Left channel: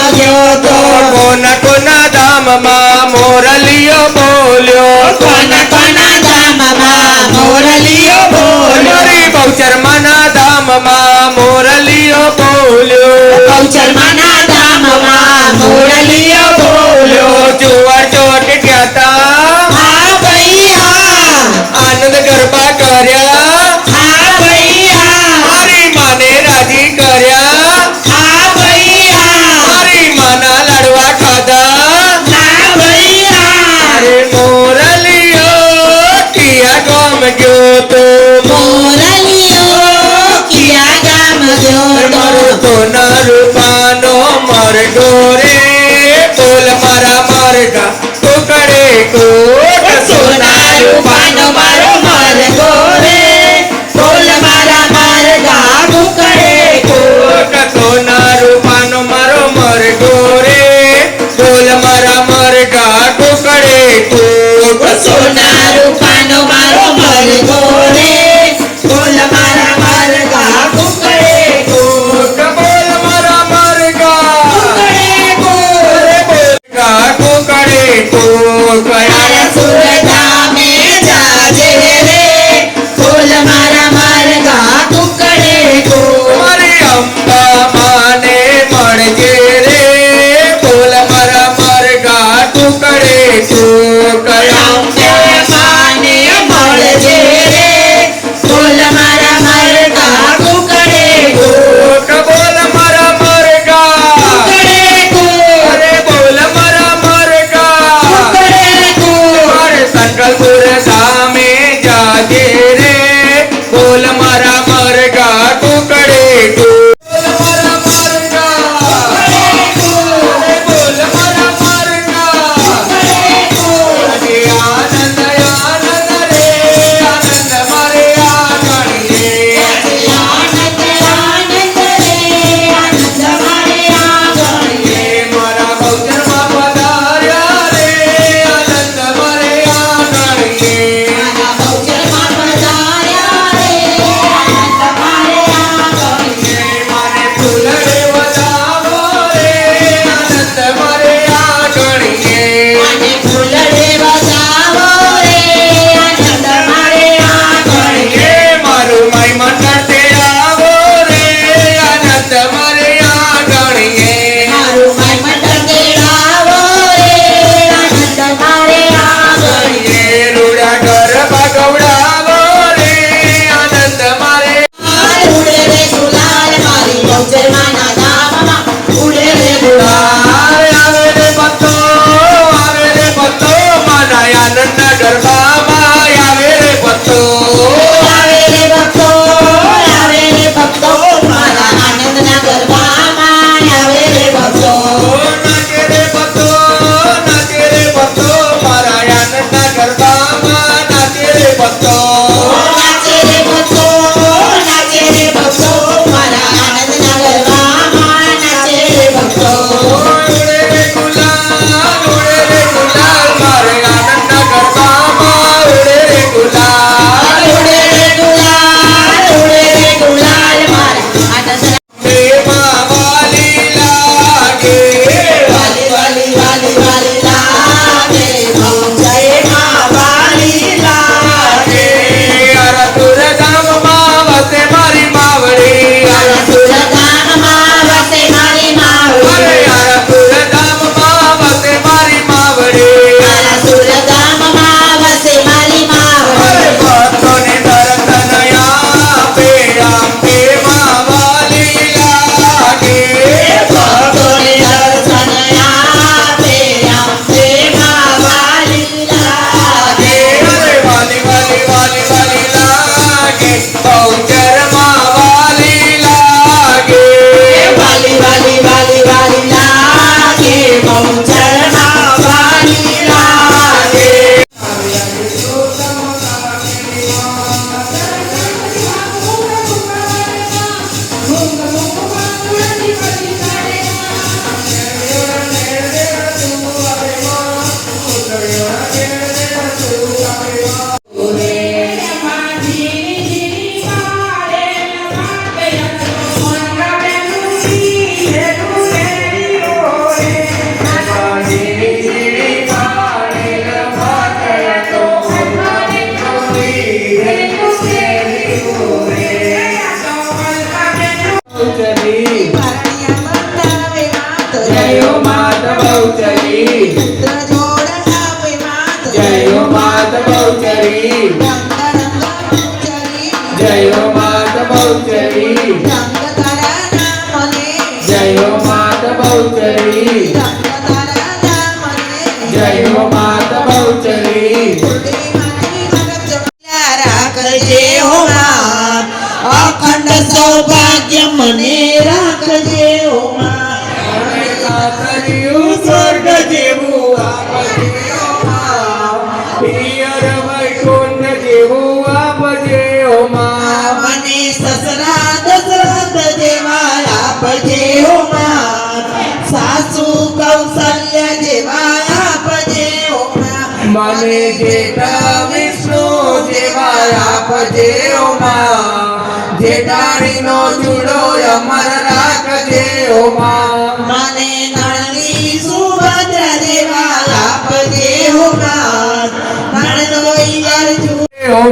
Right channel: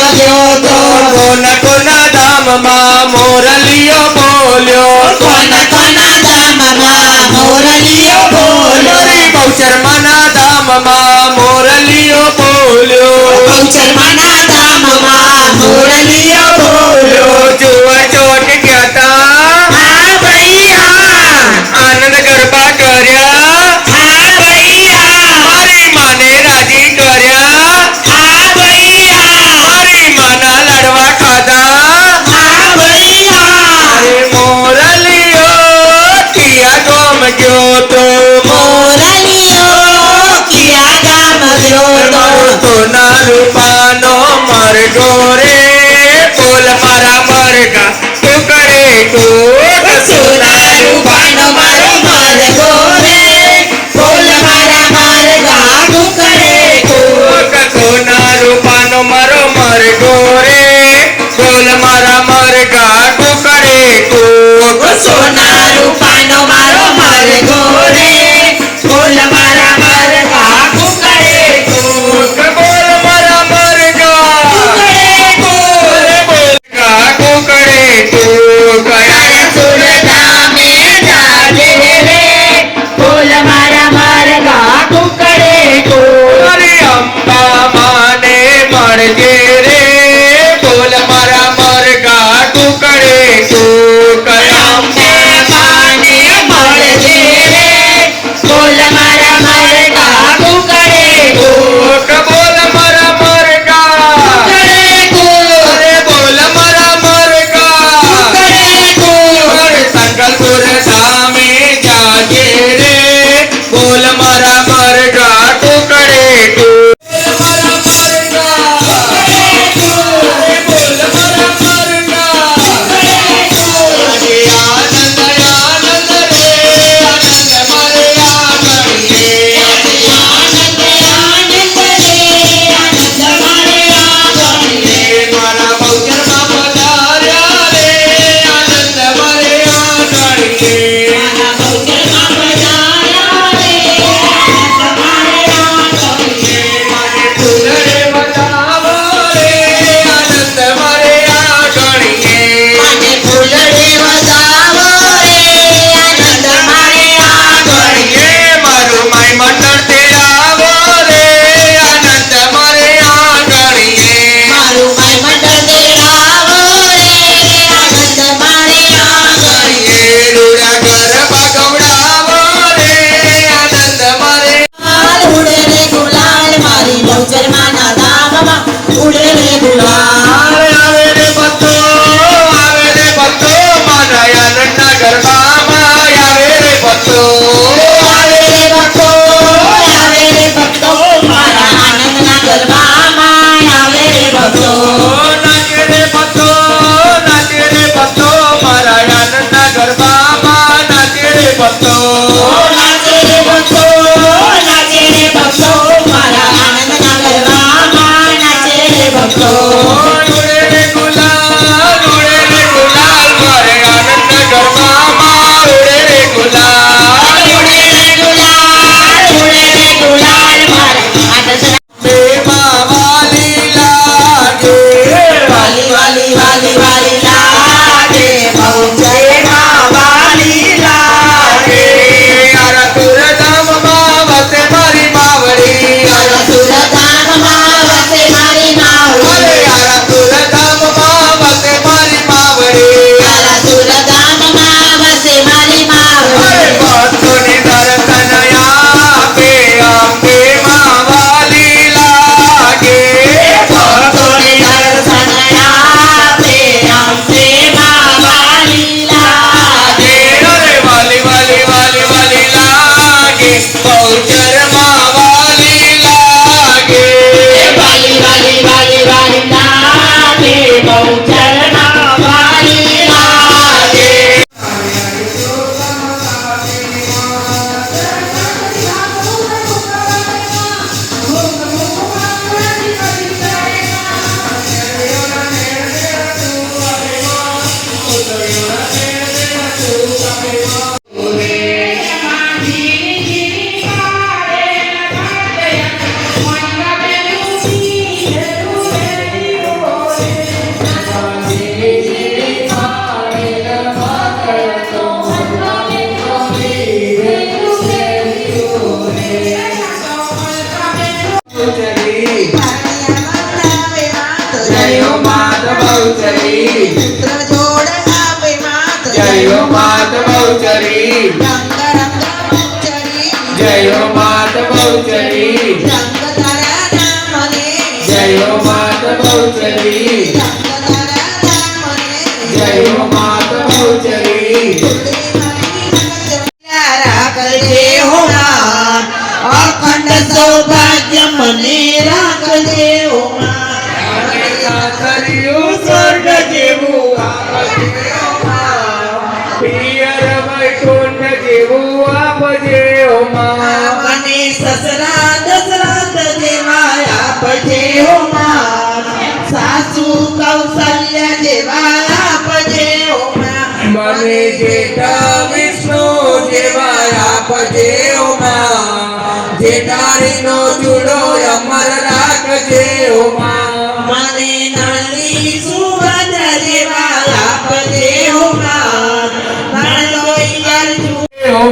થયો તો કોના કોના ધામમાં મોરલીઓ બોલ્યો કોના કોના ધામમાં મોરલીઓ બોલ્યો રે બહુચરમાના ધામમાં મોરલીઓ બોલ્યો બહુચરમાના મને જેઠા વિષ્ણુ જેવા આપજે ઓમાં જેઠાણી નો ચૂડો અમર રાખજે ઓમાં મને નળની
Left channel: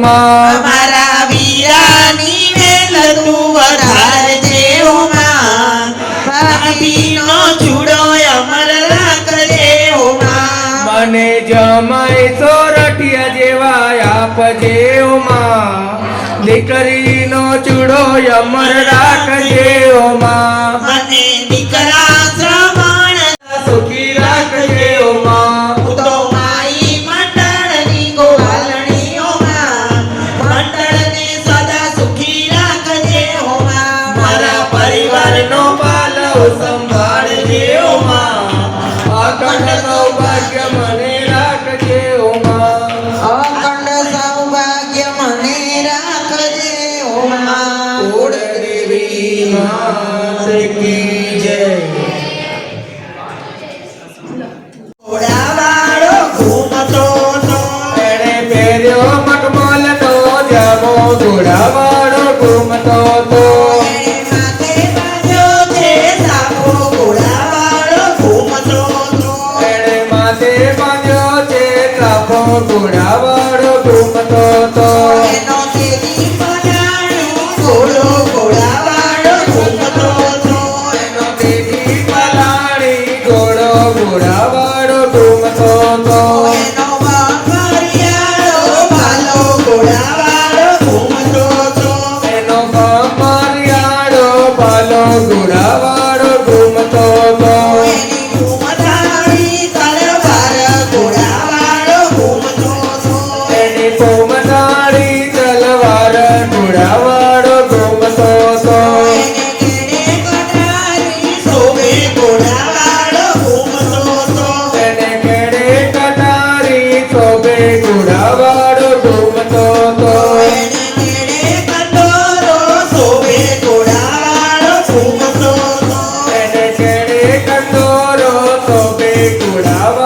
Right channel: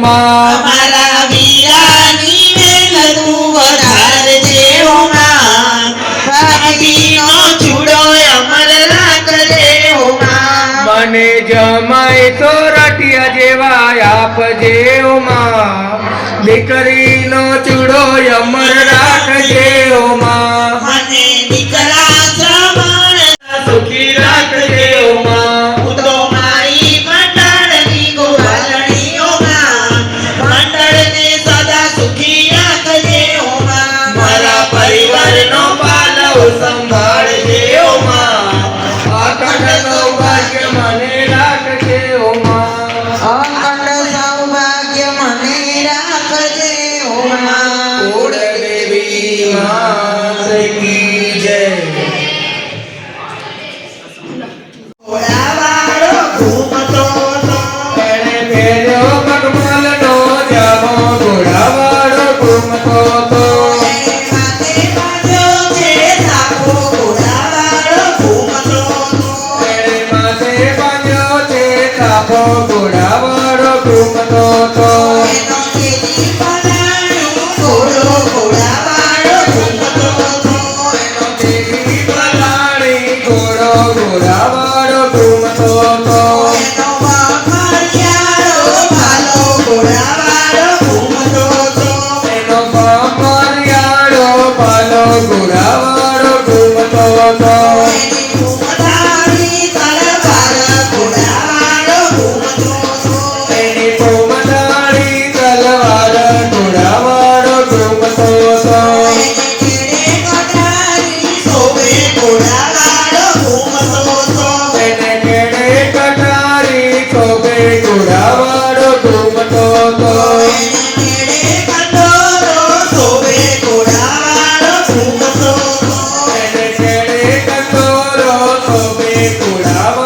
મારા સમય સોરઠિયા જેવા આપજે ઓમાં દીકરીનો ચૂડો અમર રાખજે ઓમાં. Curava.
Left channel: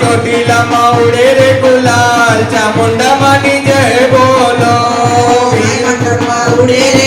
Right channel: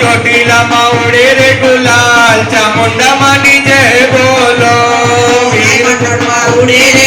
ચોટીલા માં ઉડે રે ગુલાલ ચામુંડા માની જય બોલો ઉડે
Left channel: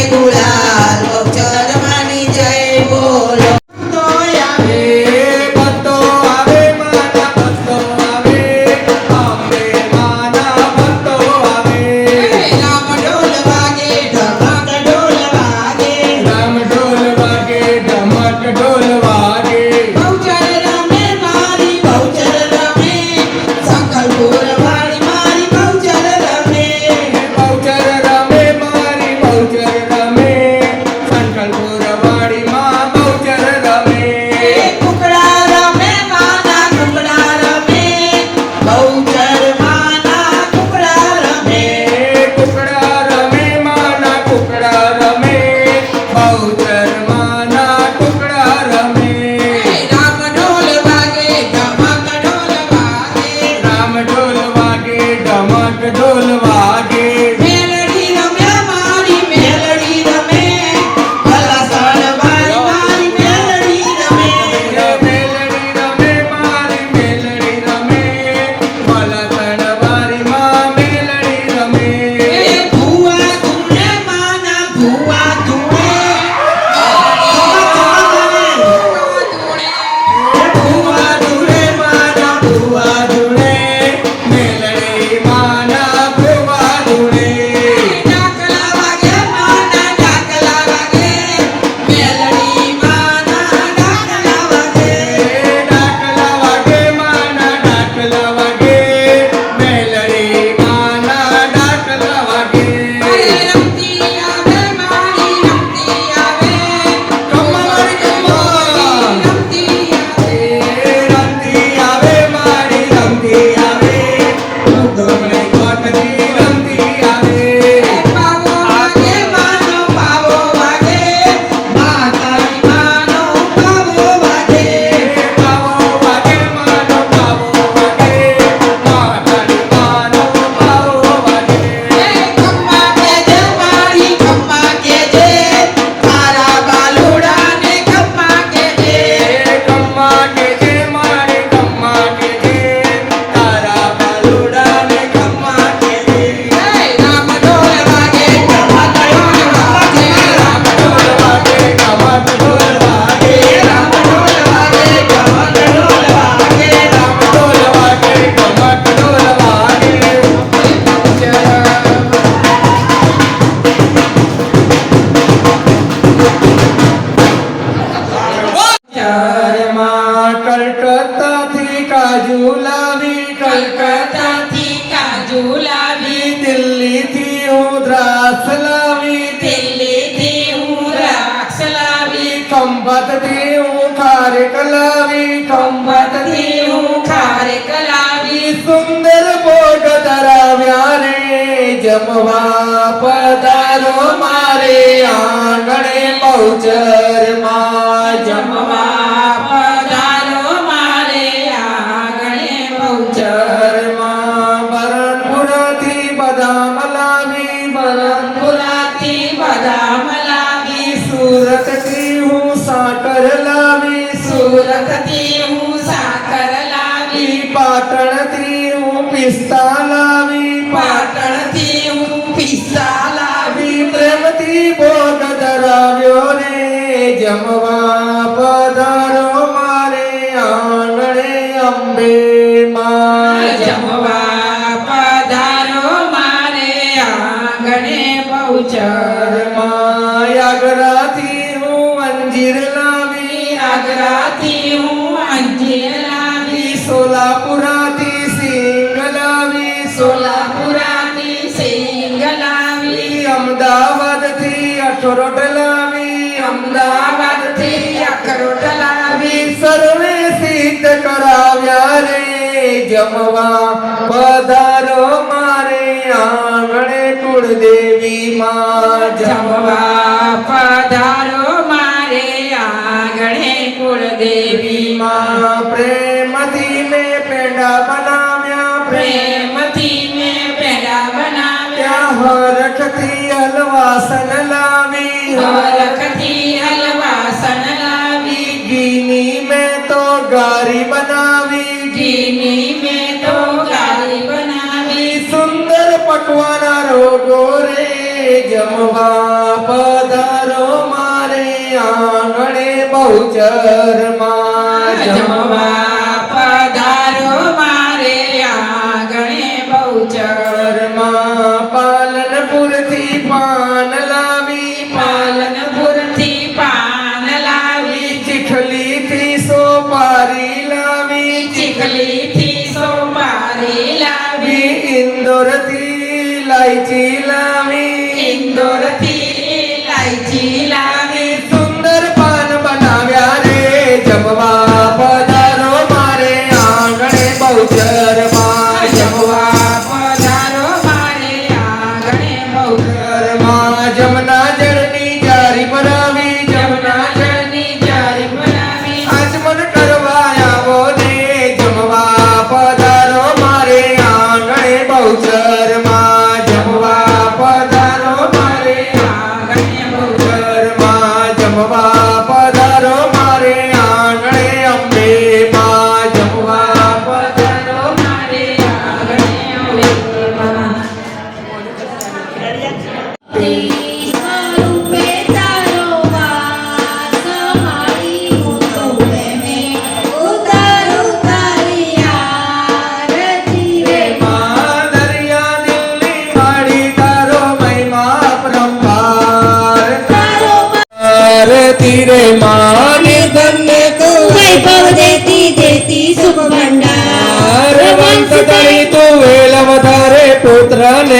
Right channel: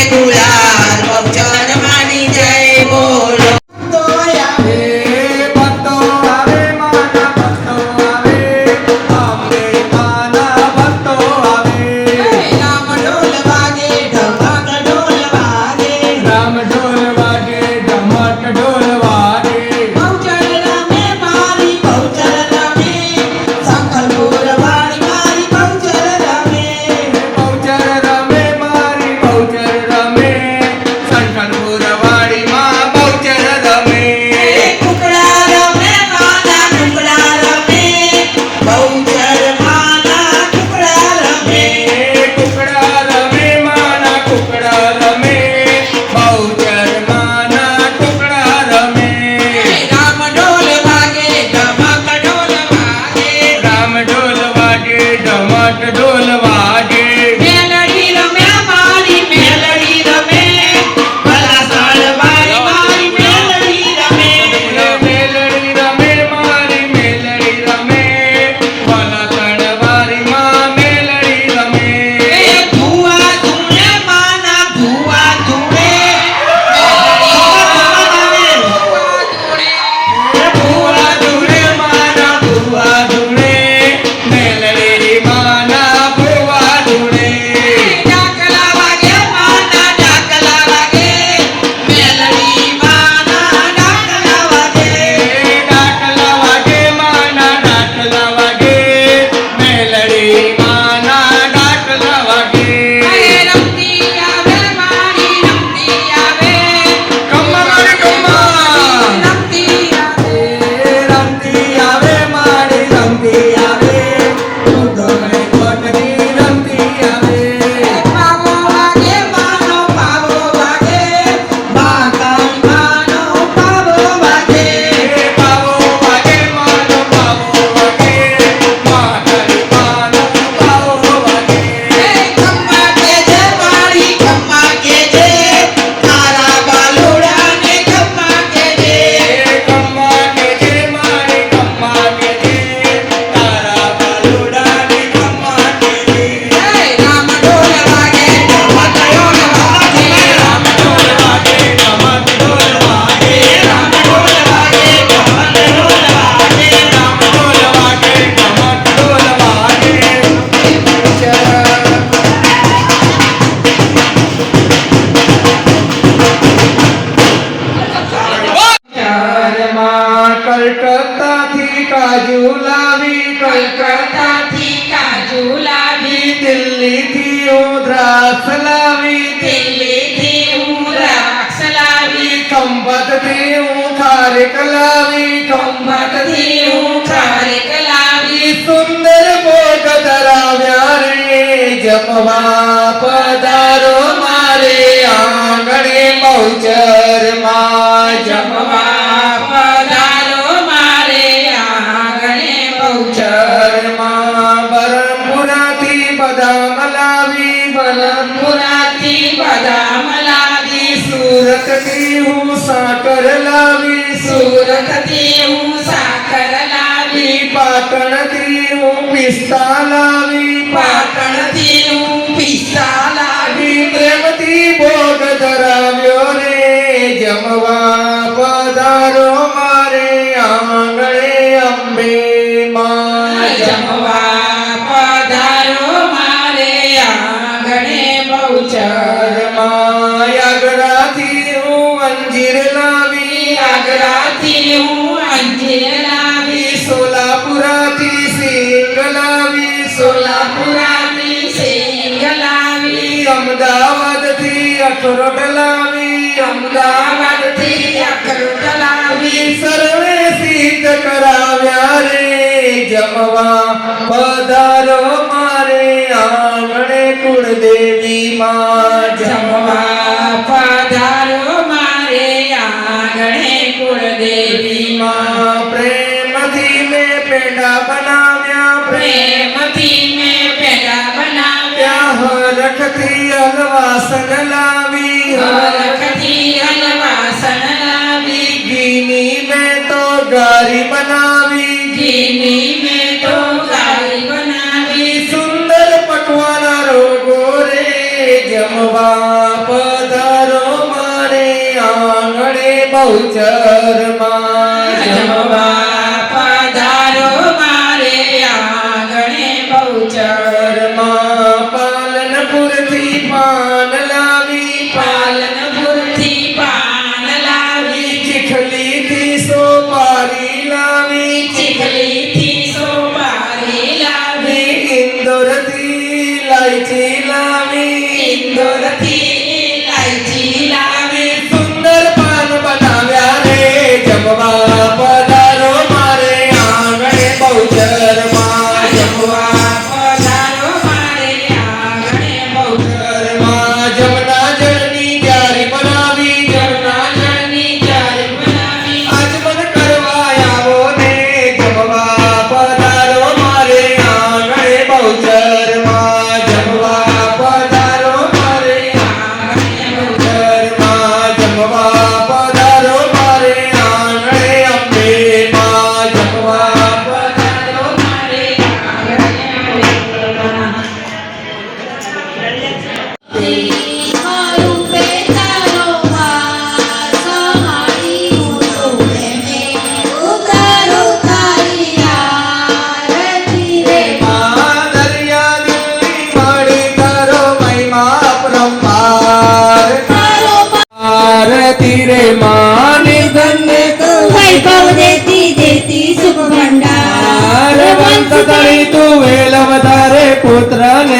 જમવા પધારો મારે આંગણે બહુચરમાં અંજીર લાવી આગ્રાથી હું અંજીર લાવી સોલાપુરાથી સિંગ લાવી સોલાપુરાથી સિંગ લાવી અમદાવાદથી અખરોટ લાવી અમદાવાદથી અખરોટ લાવી. સર્વે સિદ્ધ કરાવ્યા રે જમવા પધારો મારે આંગણે કુળદેવી માં જમવા પધારો હલવાસન લાવી. હલકથી હલવાસન લાવી. ઘીની મેં તો ગારી બનાવી. ઘીની મેં તો ગારી બનાવી. સુંદર પકવાના રોગો રે જમવા પધારો મારે આંગણે બહુચરમાં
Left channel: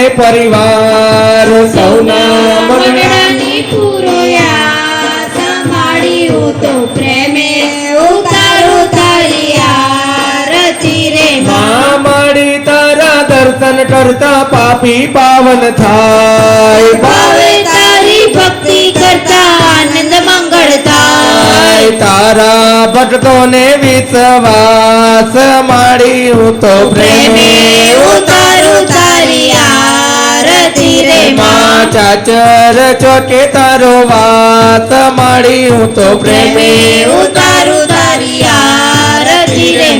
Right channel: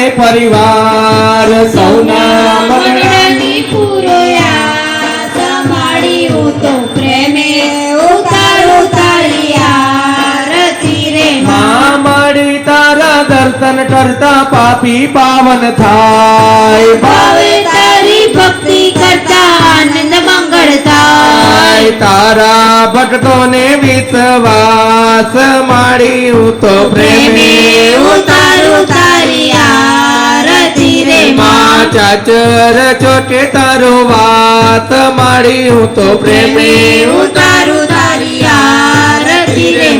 પુત્ર પરિવાર સૌના મંગળાની પૂરોયા સંભાળી તો પ્રેમે ઉતારું તારી આરતી રે. માં માડી તારા દર્શન કરતા પાપી પાવન થાય. ભાવે તારી ભક્તિ કરતા આનંદ મંગળ થાય. તારા ભક્તોને વિશ્વાસ માડી હું તો પ્રેમે. પ્રેમે ઉતારું ચાચર ચોકે તારો વાત મારી, હું તો પ્રેમે હું તારું તારી આરતી રે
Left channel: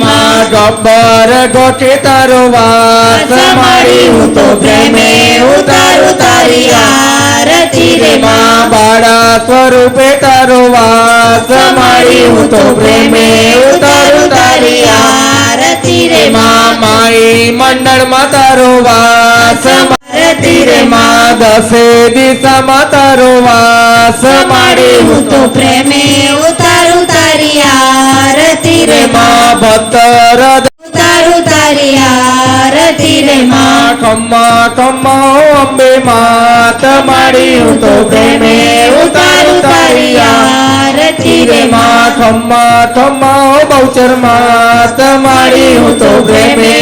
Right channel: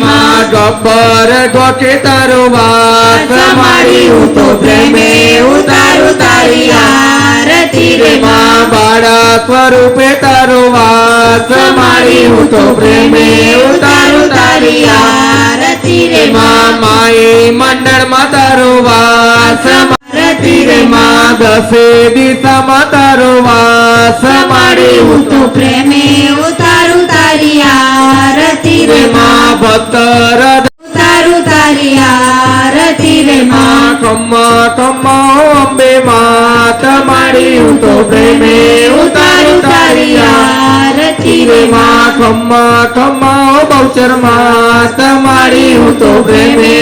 ગબ્બર ગોકે તારો વાત મારી, હું તો પ્રેમી હું તારું તારી આરતી રે માં બાળક રૂપે તારો વાત મારી, હું તો પ્રેમી હું તારું તારી આરતી રે માં માઈ મંડળમાં તારો વાસ આરતી રે માં માં દસે દિશામાં તારો વાસ માડી હું તો પ્રેમે ઉતારું તારી આરતી રે માં ભક્ત હૃદય ઉતારું તારી આરતી રે માં ખમ્મા ખમ્મા અંબે માત માડી હું તો પ્રેમે ઉતારું તારી આરતી રે માં માં ખમ્મા ખમ્મા બહુચર માત માડી હું તો પ્રેમે